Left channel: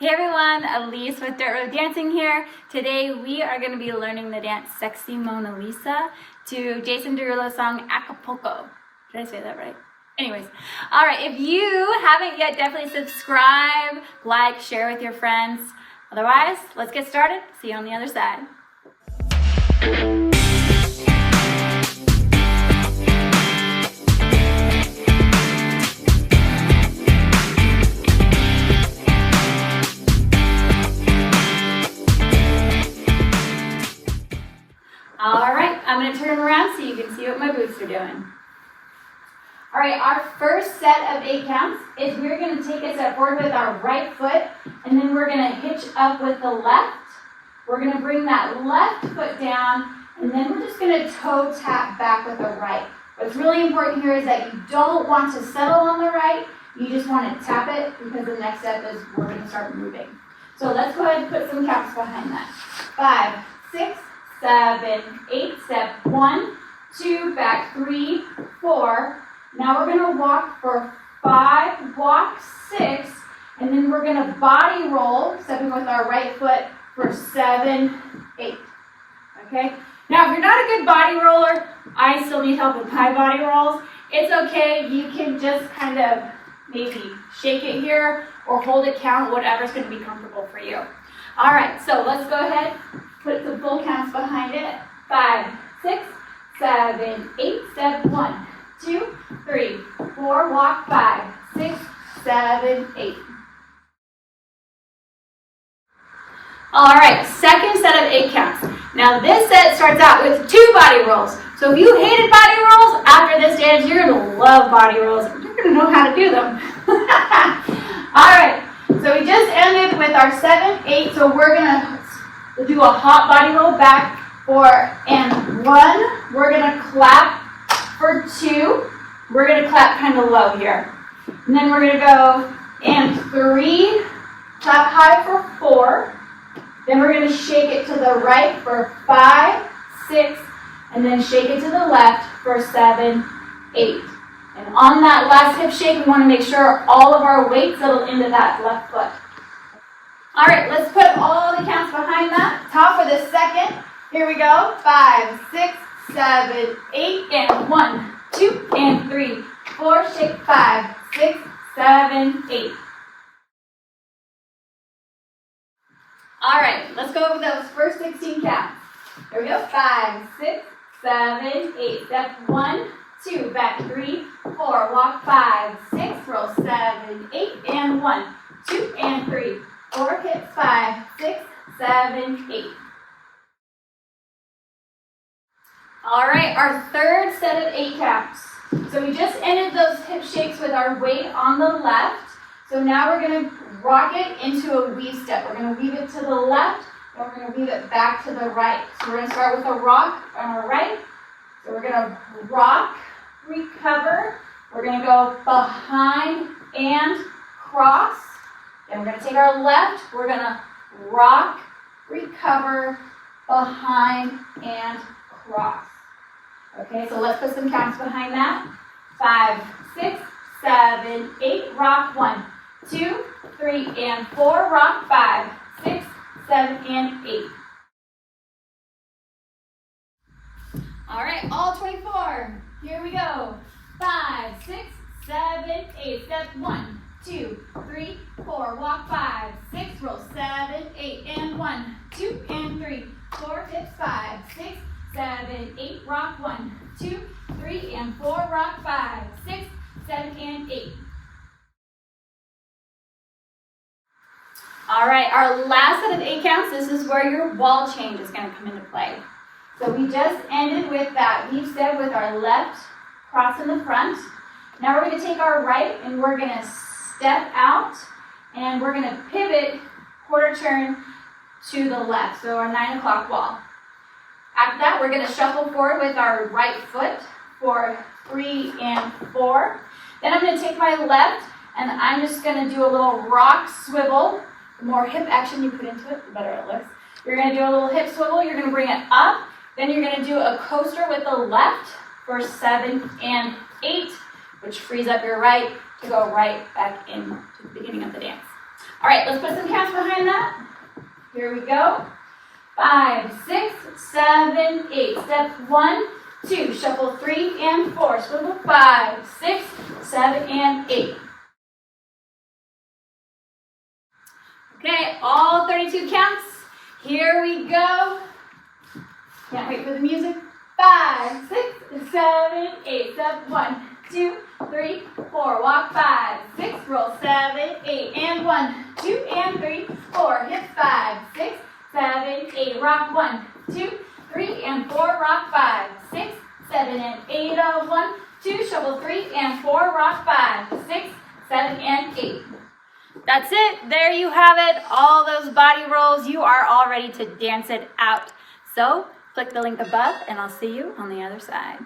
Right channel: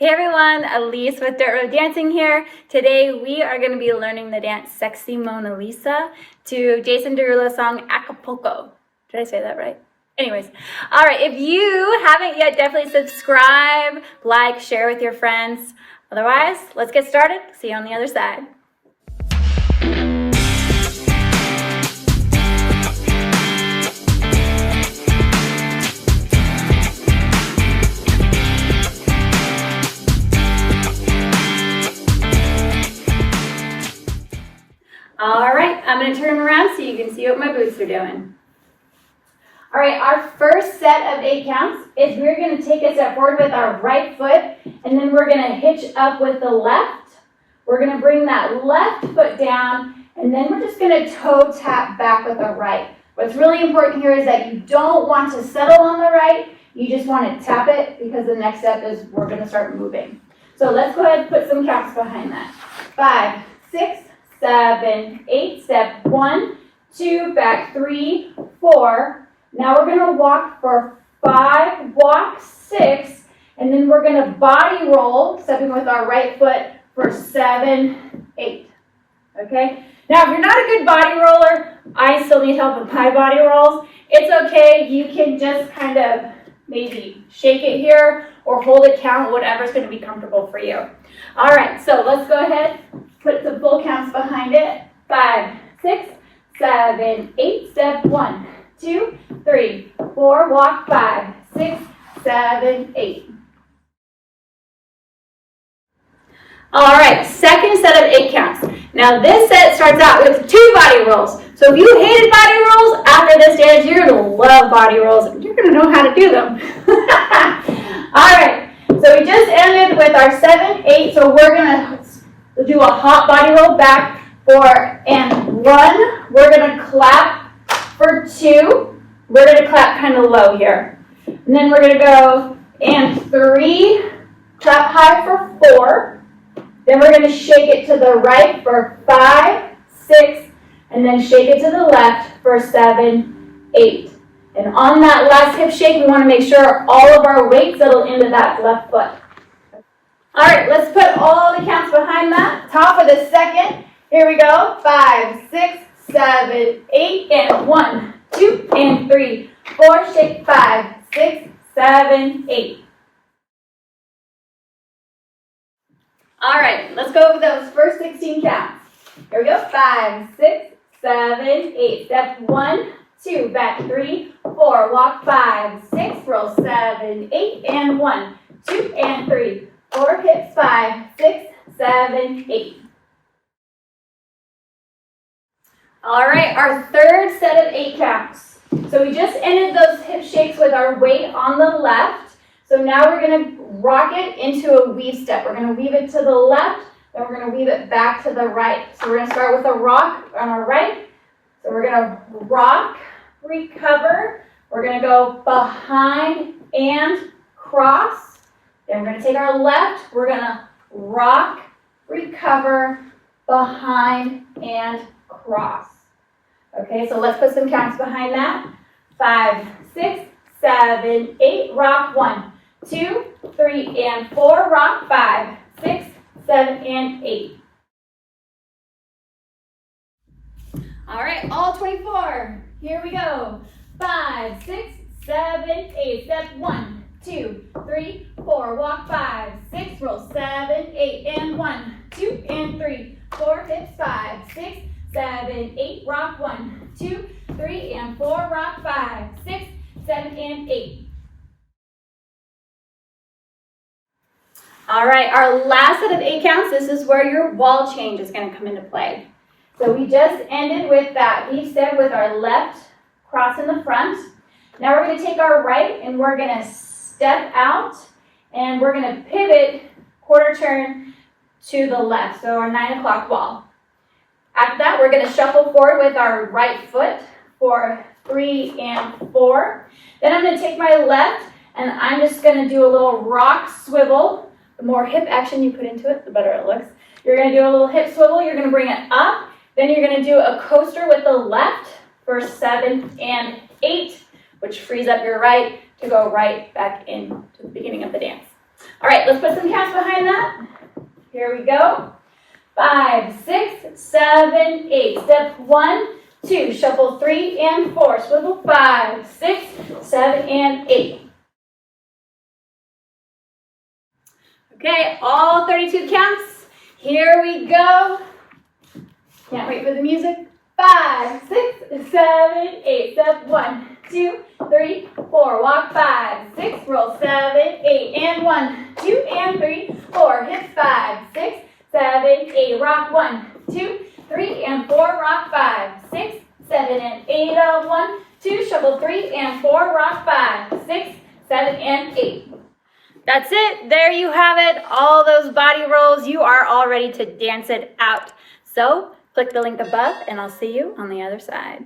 Hey everyone, Elise with Dirt Road Dancing here. Today we are going to be learning the dance Sexy Mona Lisa to Jason Derulo's song Acapulco. Did I say that right? Anyways, all right, if you haven't yet, definitely subscribe, like, share with your friends. Otherwise, let's get started. See you on the other side. All right, I'm going to turn around so you can see what my boots are doing. All right, our first set of 8 counts is we're going to take a step forward with our right foot, and then we're going to hitch up with the left. We're going to bring that left foot down, and then we're just going to toe tap back with the right. What's really important here is that you don't want to settle on the right. You just want to tap it because the next step is we're going to start moving. So let's go ahead and put some counts behind that. 5, 6, 7, 8, step 1, 2, back 3, 4. Now we're going to walk for 5, walk 6, and then we're going to body roll, stepping with our right foot for 7, 8. Okay? Now if you're not a good body roller, I still need help with my body rolls. It's okay. You can just kind of maybe shake it here or hold it count, whatever's going to be comfortable for you. All right, so let's go ahead. Put the full counts behind it. 5, 6, 7, 8, step 1, 2, 3, 4, walk 5, 6, 7, 8. All right, second set of 8 counts. Now this set starts out with 2 body rolls. So if you hated body rolls, after this dance, you're going to love body rolls. You're going to know how to do them. All right, so we just ended with our 7, 8, so we're going to do a hop body roll back for and 1. We're going to clap for 2. We're going to clap kind of low here. And then we're going to go and 3, clap high for 4. Then we're going to shake it to the right for 5, 6, and then shake it to the left for 7, 8. And on that last hip shake, we want to make sure all of our weight settle into that left foot. All right, let's put all the counts behind that. Top of the second. Here we go. 5, 6, 7, 8, and 1, 2, and 3, 4, shake 5, 6, 7, 8. All right, let's go over those first 16 counts. Here we go. 5, 6, 7, 8. Step 1, 2, back 3, 4, walk 5, 6, roll 7, 8, and 1, 2, and 3, 4, hips 5, 6, 7, 8. All right, our third set of 8 counts. So we just ended those hip shakes with our weight on the left. So now we're going to rock it into a weave step. We're going to weave it to the left, then we're going to weave it back to the right. So we're going to start with a rock on our right. So we're going to rock, recover. We're going to go behind and cross. Then we're going to take our left. We're going to rock, recover, behind, and cross. Okay, so let's put some counts behind that. 5, 6, 7, 8, rock 1, 2, 3, and 4, rock 5, 6, 7, and 8. All right, all 24. Here we go. 5, 6, 7, 8. Step 1, 2, 3, 4, walk 5, 6, roll 7, 8, and 1, 2, and 3, 4, hips 5, 6, 7, 8, rock 1, 2, 3, and 4, rock 5, 6, 7, and 8. All right, our last set of 8 counts, this is where your wall change is going to come into play. So we just ended with that weave step with our left cross in the front. Now we're going to take our right and we're going to step out and we're going to pivot quarter turn to the left, so our 9 o'clock wall. After that, we're going to shuffle forward with our right foot for 3 and 4. Then I'm going to take my left and I'm just going to do a little rock swivel. The more hip action you put into it, the better it looks. You're going to do a little hip swivel. You're going to bring it up. Then you're going to do a coaster with the left for 7 and 8, which frees up your right to go right back into the beginning of the dance. All right, let's put some counts behind that. Here we go. 5, 6, 7, 8. Step 1, 2. Shuffle 3 and 4. Swivel 5, 6, 7, and 8. Okay, all 32 counts. Here we go. Can't wait for the music. 5, 6, 7, 8. Step 1, 2, 3, 4. Walk 5, 6. Roll 7, 8. And 1, 2, and 3, 4. Hip 5, 6, 7, 8. Rock 1, 2, 3, and 4. Rock 5, 6, 7, and 8. 1, 2. Shuffle 3 and 4. Rock 5, 6, 7, and 8. That's it. There you have it. All those body rolls. You are all ready to dance it out. So click the link above, and I'll see you on the other side.